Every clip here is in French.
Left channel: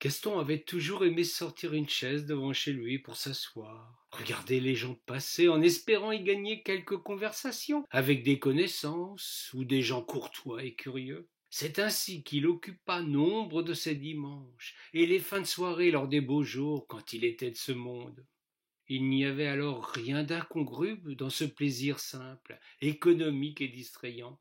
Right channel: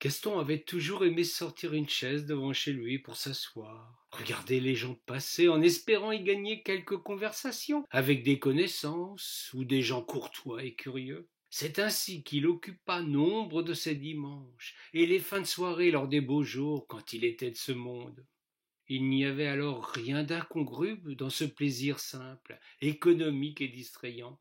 Gaston avait toujours aimé sortir une chaise devant chez lui pour s'asseoir, regarder les gens passer en espérant y gagner quelques conversations avec des connaissances ou des gens courtois et curieux. C'est ainsi qu'il occupa nombre de ses dimanches et les fins de soirée lors des beaux jours quand il était de ce monde. Il n'y avait alors rien d'incongru dans ce plaisir simple, économique et distrayant.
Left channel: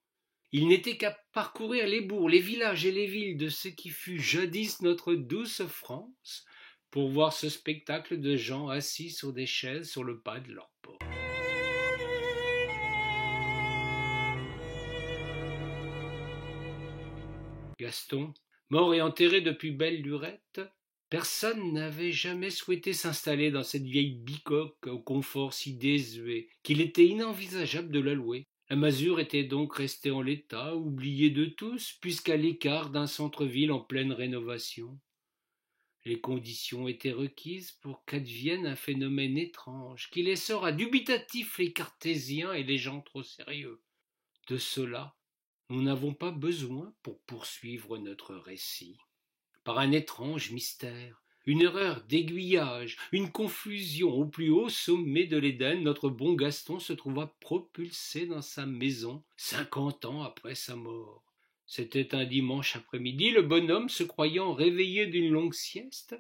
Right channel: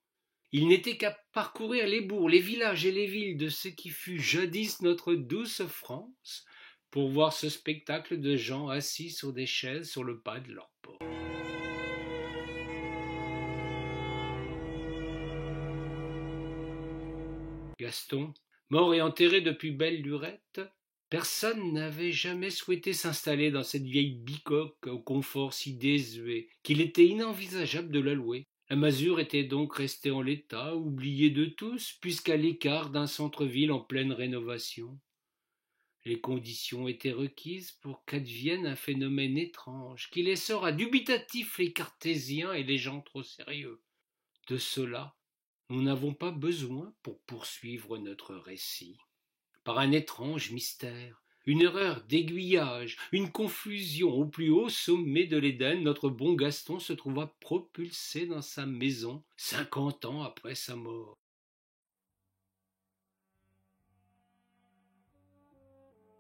Il n'était qu'à parcourir les bourgs, les villages et les villes de ce qui fut jadis notre douce France, pour voir ce spectacle de gens assis sur des chaises sur le pas de leur porte. Gaston, mort et enterré depuis belle lurette, personne n'avait jamais souhaité s'installer dans cette vieille bicoque au confort si désuet qu'il était inenvisageable de la louer. La masure était donc restée en l'état, oubliée de tous, puisqu'à l'écart d'un centre-ville en pleine rénovation. Les conditions étaient requises pour qu'advienne un phénomène étrange qui laissera dubitatifs les cartésiens et les gens trop sérieux. De cela, nous n'avons pas besoin pour poursuivre notre récit. Par un étrange mystère, une erreur d'aiguillage, une confusion au plus haut sommet de l'Éden, notre bon Gaston se trouva propulsé dans sa maison 50 ans après sa mort. C'était un dimanche après-midi, le bonhomme, se croyant réveillé d'une longue sieste,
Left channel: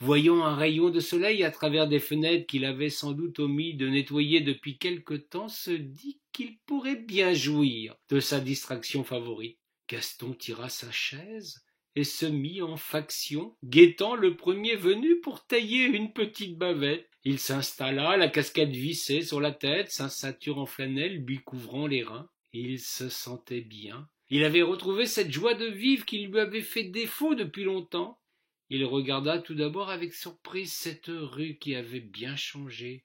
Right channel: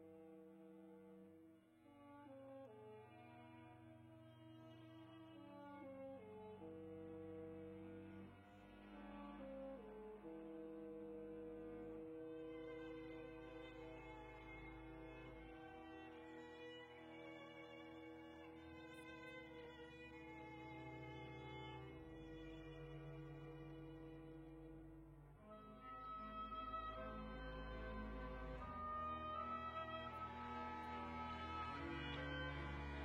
voyant un rayon de soleil à travers des fenêtres qu'il avait sans doute omis de nettoyer depuis quelque temps, se dit qu'il pourrait bien jouir de sa distraction favorite. Gaston tira sa chaise et se mit en faction, guettant le premier venu pour tailler une petite bavette. Il s'installa, la casquette vissée sur la tête, sa ceinture en flanelle lui couvrant les reins. Il se sentait bien. Il avait retrouvé cette joie de vivre qui lui avait fait défaut depuis longtemps. Il regarda tout d'abord avec surprise cette rue qui avait bien changé.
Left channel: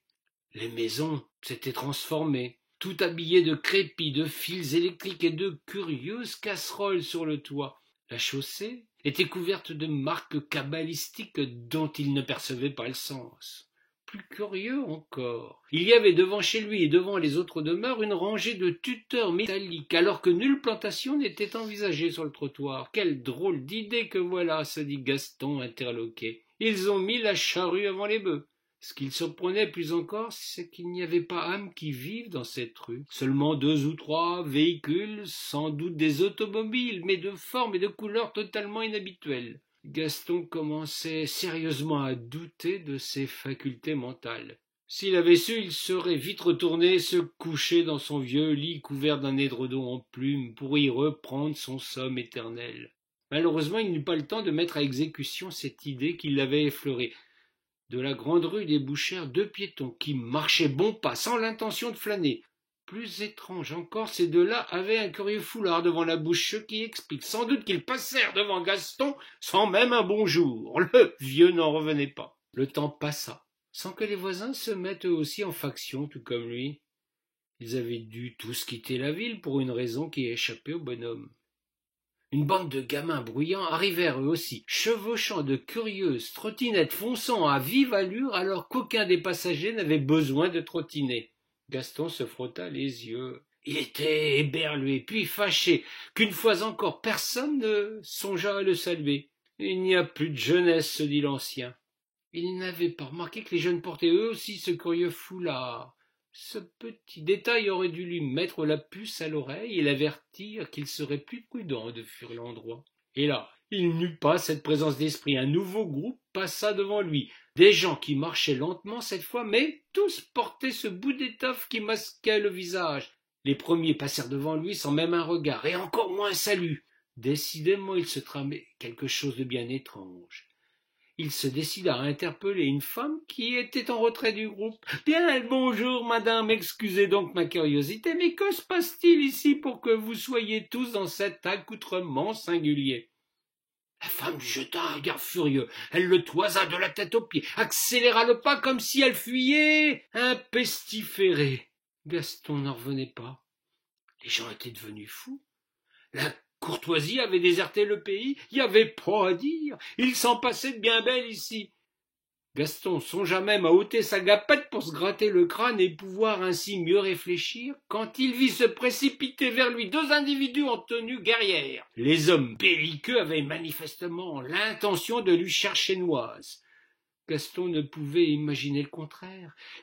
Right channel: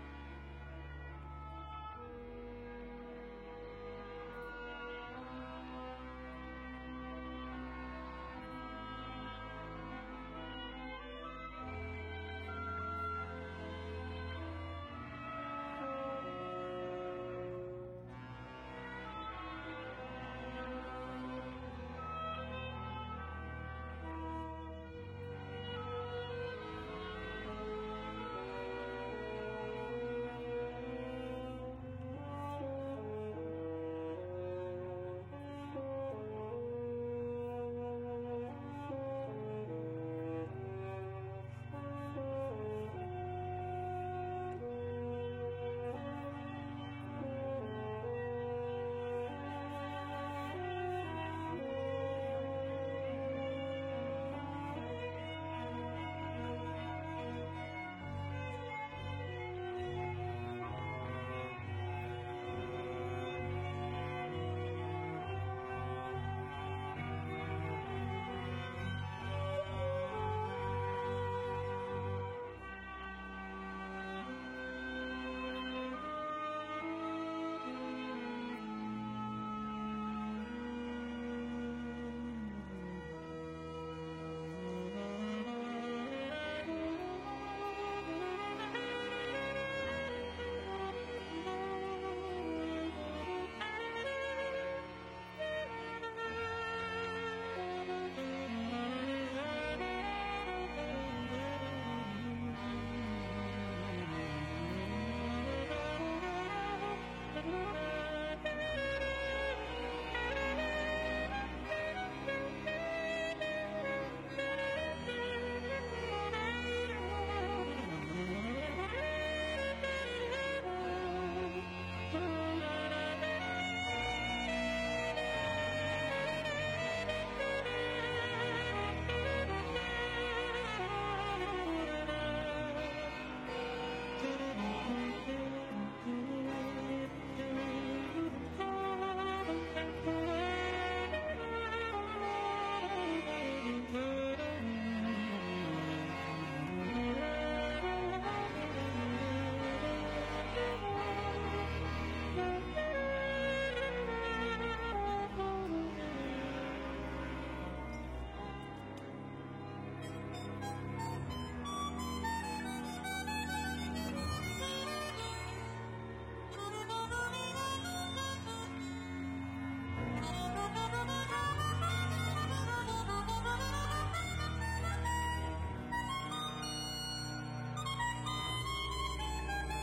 Les maisons s'étaient transformées, tout habillées de crépis, de fils électriques et de curieuses casseroles sur le toit. La chaussée était couverte de marques cabalistiques dont il ne percevait pas le sens. Plus curieux encore, il y avait devant chez lui et devant les autres demeures une rangée de tuteurs métalliques, alors que nulle plantation n'était envisagée sur le trottoir. Quelle drôle d'idée que voilà, se dit Gaston interloqué. Ils ont mis la charrue avant les bœufs. Ce qu'il surprenait plus encore, c'est qu'il n'y avait pas âme qui vive dans cette rue. Seulement 2 ou 3 véhicules, sans doute des automobiles, mais de forme et de couleur totalement inhabituelles. Gaston commençait sérieusement à douter de ses facultés mentales. S'il avait su, il serait vite retourné se coucher dans son vieux lit couvert d'un édredon en plumes pour y reprendre son somme éternel. Malheureusement, il n'eut pas le temps de mettre à exécution cette idée qui l'avait effleuré. De la grande rue débouchèrent 2 piétons qui marchaient bon pas, sans l'intention de flâner. Plus étrange encore, ces 2-là avaient un curieux foulard devant la bouche, ce qui explique sans doute qu'ils passèrent devant Gaston sans même un bonjour. Le vieux n'en revenait pas. Le temps passa, sans que les voisins se mettent eux aussi en faction, tout comme lui. Ils avaient dû tous quitter la ville pour une raison qui échappait au bonhomme. Une bande de gamins bruyants arrivèrent eux aussi, chevauchant de curieuses trottinettes fonçant à vive allure alors qu'aucun des passagers n'avait besoin de trottiner. Gaston se frotta les yeux. Il était éberlué, puis fâché, qu'une fois encore personne ne songea à le saluer. Il n'y a plus de jeunesse, se dit l'ancien. Il n'avait pas remarqué que les jeunes portaient eux aussi ce curieux foulard. Ce petit détail aurait dû lui mettre la puce à l'oreille et l'avertir qu'il serait plus prudent de fuir l'endroit. Et là, il n'eut pas cette présence d'esprit. Un nouveau groupe passa devant lui. Des gens qui marchaient lentement cette fois, mais tous portaient ce bout d'étoffe qui masquait le visage. Les premiers passèrent devant lui sans même un regard, et encore moins un salut. Décidément, il se tramait quelque chose de bien étrange. Il se décida à interpeller une femme qui était en retrait du groupe. « Bien, bonjour, madame, excusez donc ma curiosité, mais que se passe-t-il ici pour que vous soyez tous dans cet accoutrement singulier ?» La femme jeta un regard furieux. Elle le toisa de la tête aux pieds, accéléra le pas comme si elle fuyait un pestiféré. Gaston n'en revenait pas. Les gens étaient devenus fous. La courtoisie avait déserté le pays, il n'y avait pas à dire. Il s'en passait de bien belle ici. Gaston songea même à ôter sa gapette pour se gratter le crâne et pouvoir ainsi mieux réfléchir, quand il vit se précipiter vers lui deux individus en tenue guerrière. Les hommes belliqueux avaient manifestement l'intention de lui chercher noise. Gaston ne pouvait imaginer le contraire.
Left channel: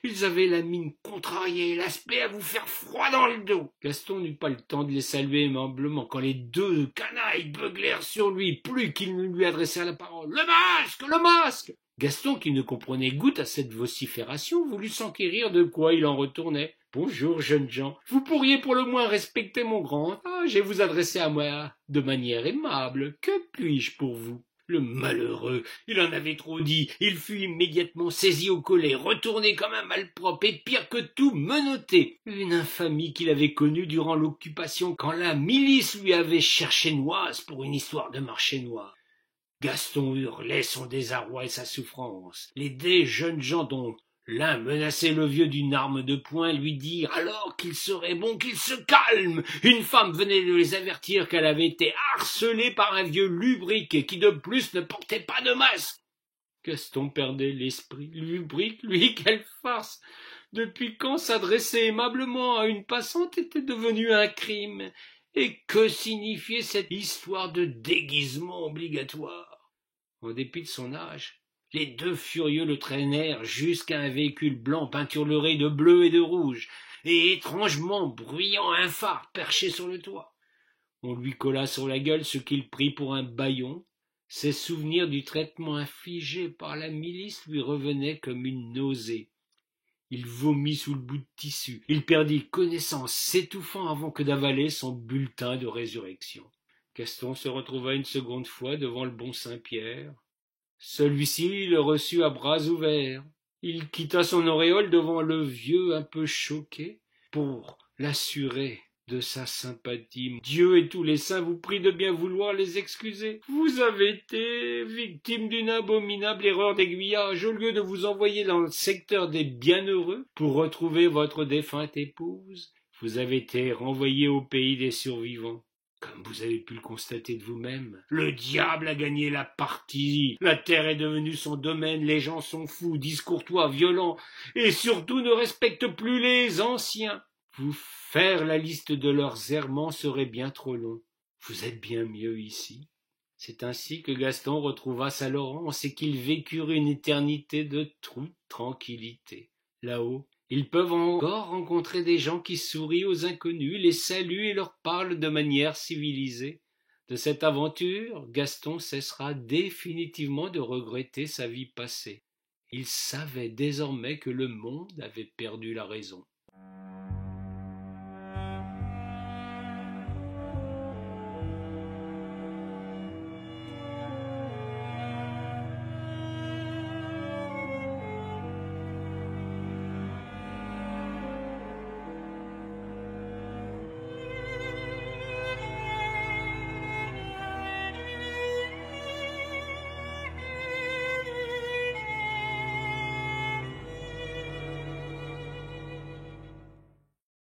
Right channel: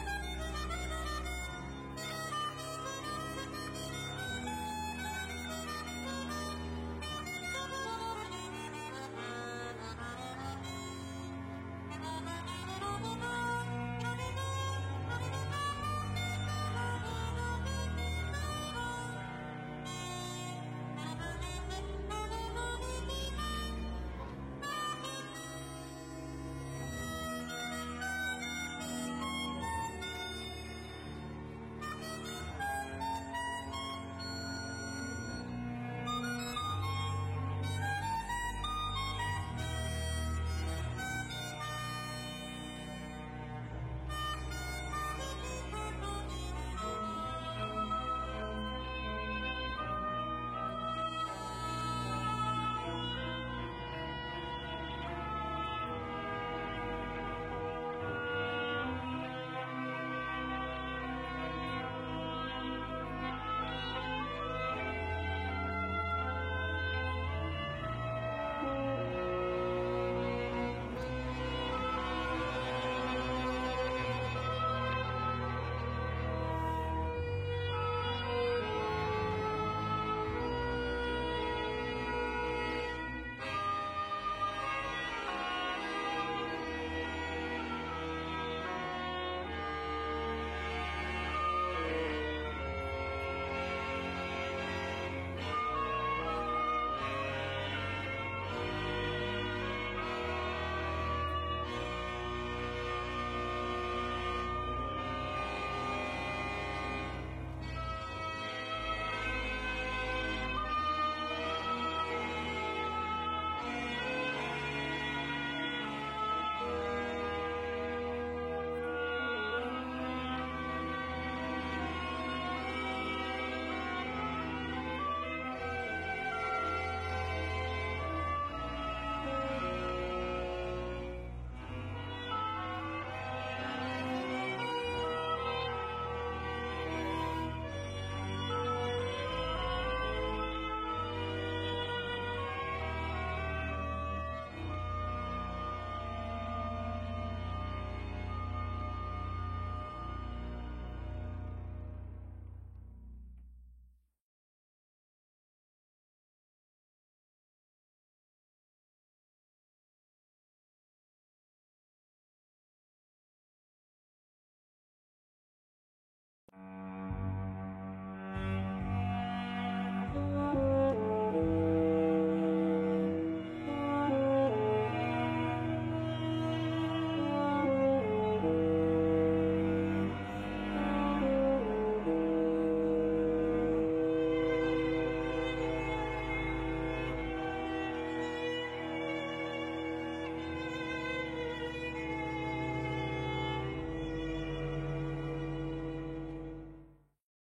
Ils avaient la mine contrariée et l'aspect à vous faire froid dans le dos. Gaston n'eut pas le temps de les saluer aimablement quand les deux canailles beuglèrent sur lui plus qu'ils ne lui adressèrent la parole. « Le masque! Le masque !» Gaston, qui ne comprenait goutte à cette vocifération, voulut s'enquérir de quoi il en retournait. « Bonjour, jeunes gens. Vous pourriez pour le moins respecter mon grand âge et vous adresser à moi de manière aimable. Que puis-je pour vous ?» Le malheureux, il en avait trop dit. Il fut immédiatement saisi au collet, retourné comme un malpropre et pire que tout, menotté. Une infamie qu'il avait connue durant l'occupation quand la milice lui avait cherché noise pour une histoire de marché noir. Gaston hurlait son désarroi et sa souffrance. Les deux jeunes gens dont l'un menaçait le vieux d'une arme de poing lui dirent alors qu'il serait bon qu'il se calme. Une femme venait de les avertir qu'elle avait été harcelée par un vieux lubrique et qui de plus ne portait pas de masque. Gaston perdait l'esprit. Lubrique, lui, quelle farce! Depuis quand s'adresser aimablement à une passante était devenu un crime? Et que signifiait cette histoire de déguisement obligatoire? En dépit de son âge, les deux furieux le traînèrent jusqu'à un véhicule blanc peinturluré de bleu et de rouge, et étrangement bruyant un phare perché sur le toit. On lui colla sur la gueule ce qu'il prit pour un bâillon. Ses souvenirs du traitement infligé par la milice lui revenaient comme une nausée. Il vomit sous le bout de tissu. Il perdit connaissance, s'étouffant avant que d'avaler son bulletin de résurrection. Gaston se retrouva une seconde fois devant le bon Saint-Pierre. Celui-ci le reçut à bras ouverts. Il quitta son auréole devant le vieux un peu choqué pour l'assurer de sa sympathie. Dieu et tous les saints vous prient de bien vouloir les excuser. Vous avez été victime d'une abominable erreur d'aiguillage. Au lieu de vous envoyer dans le secteur des bienheureux pour retrouver votre défunte épouse, vous avez été renvoyé au pays des survivants. Comme vous avez pu le constater de vous-même, le diable a gagné la partie. La terre est devenue son domaine. Les gens sont fous, discourtois, violents et surtout ne respectent plus les anciens. Vous faire la liste de leurs errements serait bien trop long. Vous êtes bien mieux ici. C'est ainsi que Gaston retrouva sa Laurence et qu'ils vécurent une éternité de tranquillité. Là-haut, ils peuvent encore rencontrer des gens qui sourient aux inconnus, les saluent et leur parlent de manière civilisée. De cette aventure, Gaston cessera définitivement de regretter sa vie passée. Il savait désormais que le monde avait perdu la raison.